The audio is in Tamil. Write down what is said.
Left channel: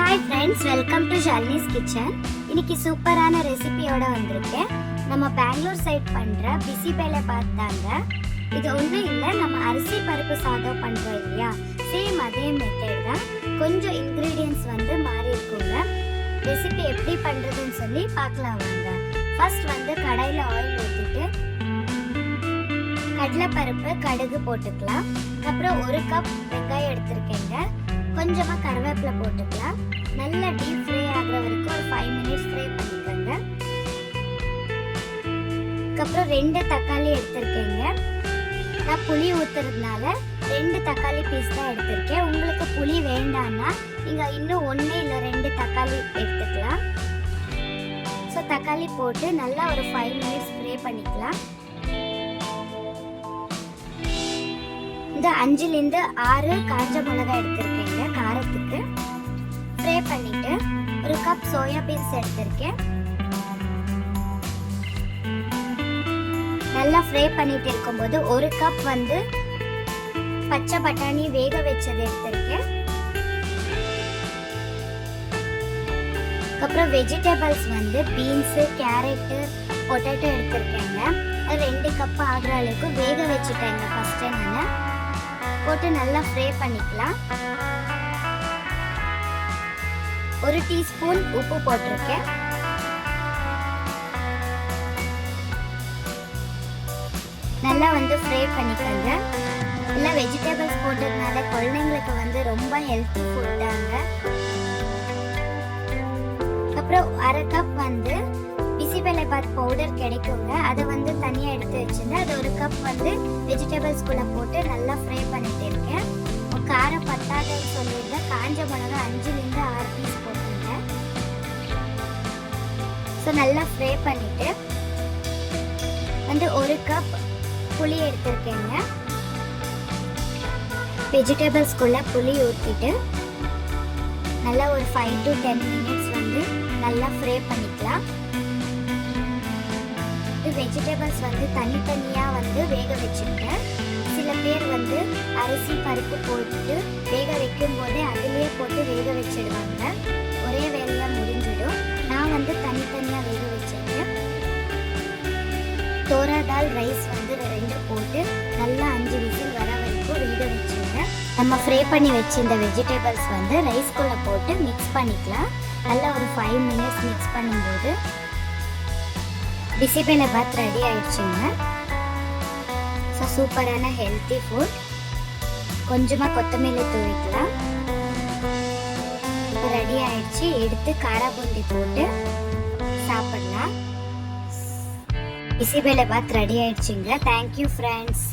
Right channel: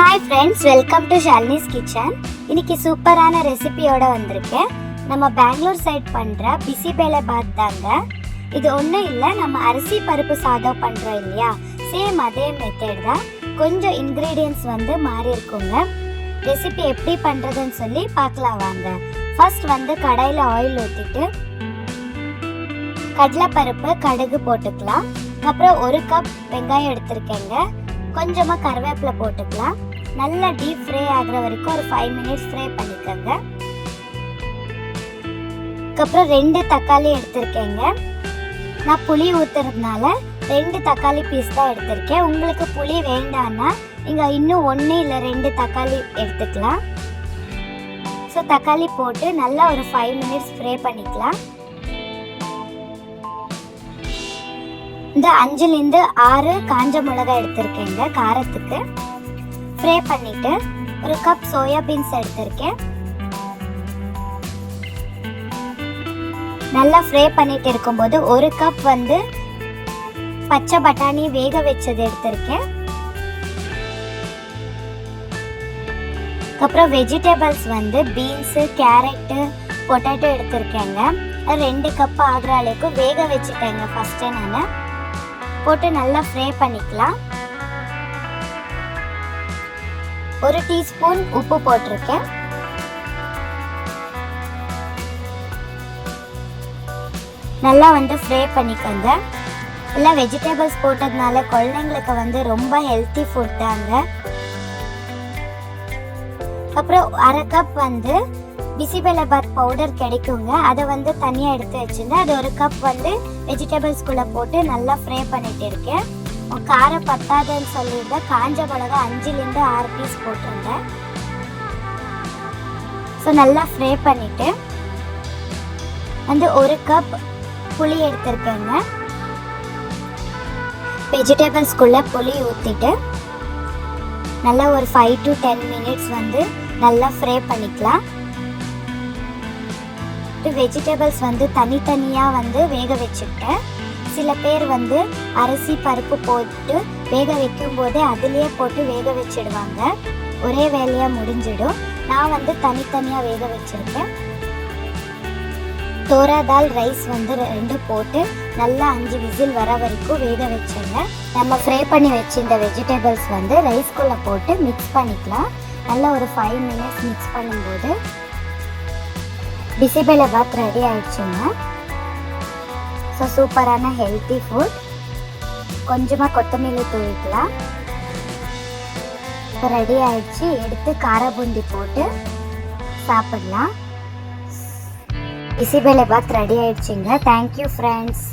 Hi friends, welcome to Shalini's kitchen. இன்னைக்கு சூப்பரான ரெசிபியோட வந்திருக்கேன். நம்ம பெங்களூர் சைட் பண்ணுற பிசிபேலை பார்த்தாங்க. இது ஒன்றும் இல்லை, நம்ம அரிசி பருப்பு சாதம் பண்ணுறோம் இல்லையா, சேம் அதே மெத்தட் தான். கொஞ்சம் இன்க்ரீடியன்ட்ஸ் மாறி இருக்குங்க. ரெசிபி எப்படி பண்ணுறதுன்னு சொல்லி பார்க்கலாம் வாங்க. ஃபர்ஸ்ட் கடாயில் ஆயில் ஊற்றிட்டு கடலைப்பருப்பு கடுகு போட்டுக்கலாம். அப்புறம் 1 கப் வெங்காயம் எடுத்திருக்கேங்க. கொஞ்சமாக கருவேப்பிலை போட்டுக்கலாம். நல்லா டீப் ஃப்ரை ஆகிற வரைக்கும் ஒரு 5 மினிட்ஸ் ஃப்ரை பண்ணிக்கோங்க. அதுக்கப்புறம் 2 தக்காளி எடுத்திருக்கேங்க. நான் புளி ஊற்றுறதுனால 2 தக்காளி பீஸ் தான் எடுத்திருக்கேன். உங்களுக்கு புளி வேண்டாம்னா நீங்கள் இன்னும் 1 இல்லை 2 தக்காளி எடுத்துக்கலாம். ஸோ தக்காளி போட்டு நல்லா ஒரு 5 மினிட்ஸ் ஃப்ரை பண்ணிக்கலாம். இந்த 5லேருந்து 6 காஞ்ச மிளகாய் எடுத்திருக்கேங்க காரத்துக்கு. ஃப்ரை பண்ணிட்டு 1 கப் சோயா பீன்ஸ் எடுத்திருக்கேன். நல்லா ஃப்ரை பண்ணிட்டு இருக்கும்போது 1 கப் பச்சை பட்டாணி வேக வச்சது எடுத்திருக்கேன். அப்புறம் வெஜிடபிள்ஸ் பீன்ஸு, கேரட்டு, பொட்டேட்டோ எடுத்திருக்கேங்க. 2 கப் ஆகிற அளவுக்கு வேக வச்சுட்டேங்க ஃபஸ்ட்டு. நான் போட்டு நல்லா ஃப்ரை பண்ணிக்கலாம். 1 டீஸ்பூன் உப்பு போட்டிருக்கேன். நல்லா ஃப்ரை பண்ணிக்கோங்க. இல்லை வெஜிடபிள்ஸ் போட்டதுனால குழந்தைங்களுக்கு ரொம்ப ஹெல்த்தி ஃபுட் தாங்க. அப்புறம் 1/2 கப் பிசிபெல்லாபாத் பவுடர் கிடைக்குங்க. அதை தனியாக எடுத்து வச்சுருந்தா அது 1 கப் வெஜிடபிள்ஸ்குள்ளே போட்டு நல்லா ஃப்ரை பண்ணிட்டு இருக்கேன். காரம் பத்தாதுன்னு சொல்லிட்டு காஞ்ச மிளகா 5லேருந்து 6 பீஸ் போட்டுருந்தேன். ஸோ நல்லா ஃப்ரை பண்ணிவிட்டு 1 கப் புளி எடுத்துருக்கேங்க. வெஜிடபிள்ஸ்குள்ளே புளி ஊற்றிட்டு நல்லா ஒரு 5 to 10 மினிட்ஸ் நல்லா ஃப்ரை பண்ணிக்கலாம். வெஜிடபிள்ஸ் தனித்தனியாக வேக வச்சுட்டேன். சில பேர் அரிசி பருப்பு போட்டு வேக வைக்கும் போதே அதிலேயே போட்டு வேக வச்சிடுவாங்க. ஒரே வேலையாக முடிஞ்சிடும். நான் தனித்தனியாக வேக வச்சிருக்கேன். தோரா தால் ரைஸ் 2 போட்டு நல்லா 5 விசில் வர வரைக்கும் வேக வச்சுங்க. நம்ம ஃப்ரை பண்ணி வச்சிருந்த வெஜிடபிள்ஸ் ரைஸ்குள்ளே போட்டு மிக்ஸ் பண்ணிக்கலாம். நல்லா ஒரு 5 மினிட்ஸ் மிக்ஸ் பண்ணும்போது பிசிபெல்லாபாத் ரெடி ஆயிடுச்சுங்க. ஸோ சூப்பரான ஹெல்த்தி ஃபுட். கொஞ்சமாக கொத்தமல்லி தூவிக்கலாம். இப்போ ரெடி ஆயிடுச்சு. எடுத்து கார பூந்தி போட்டு சாப்பிடலாம். பிசிபெல்லாபாத் ரெடி ஆயிடுச்சுங்க. Thank you friends.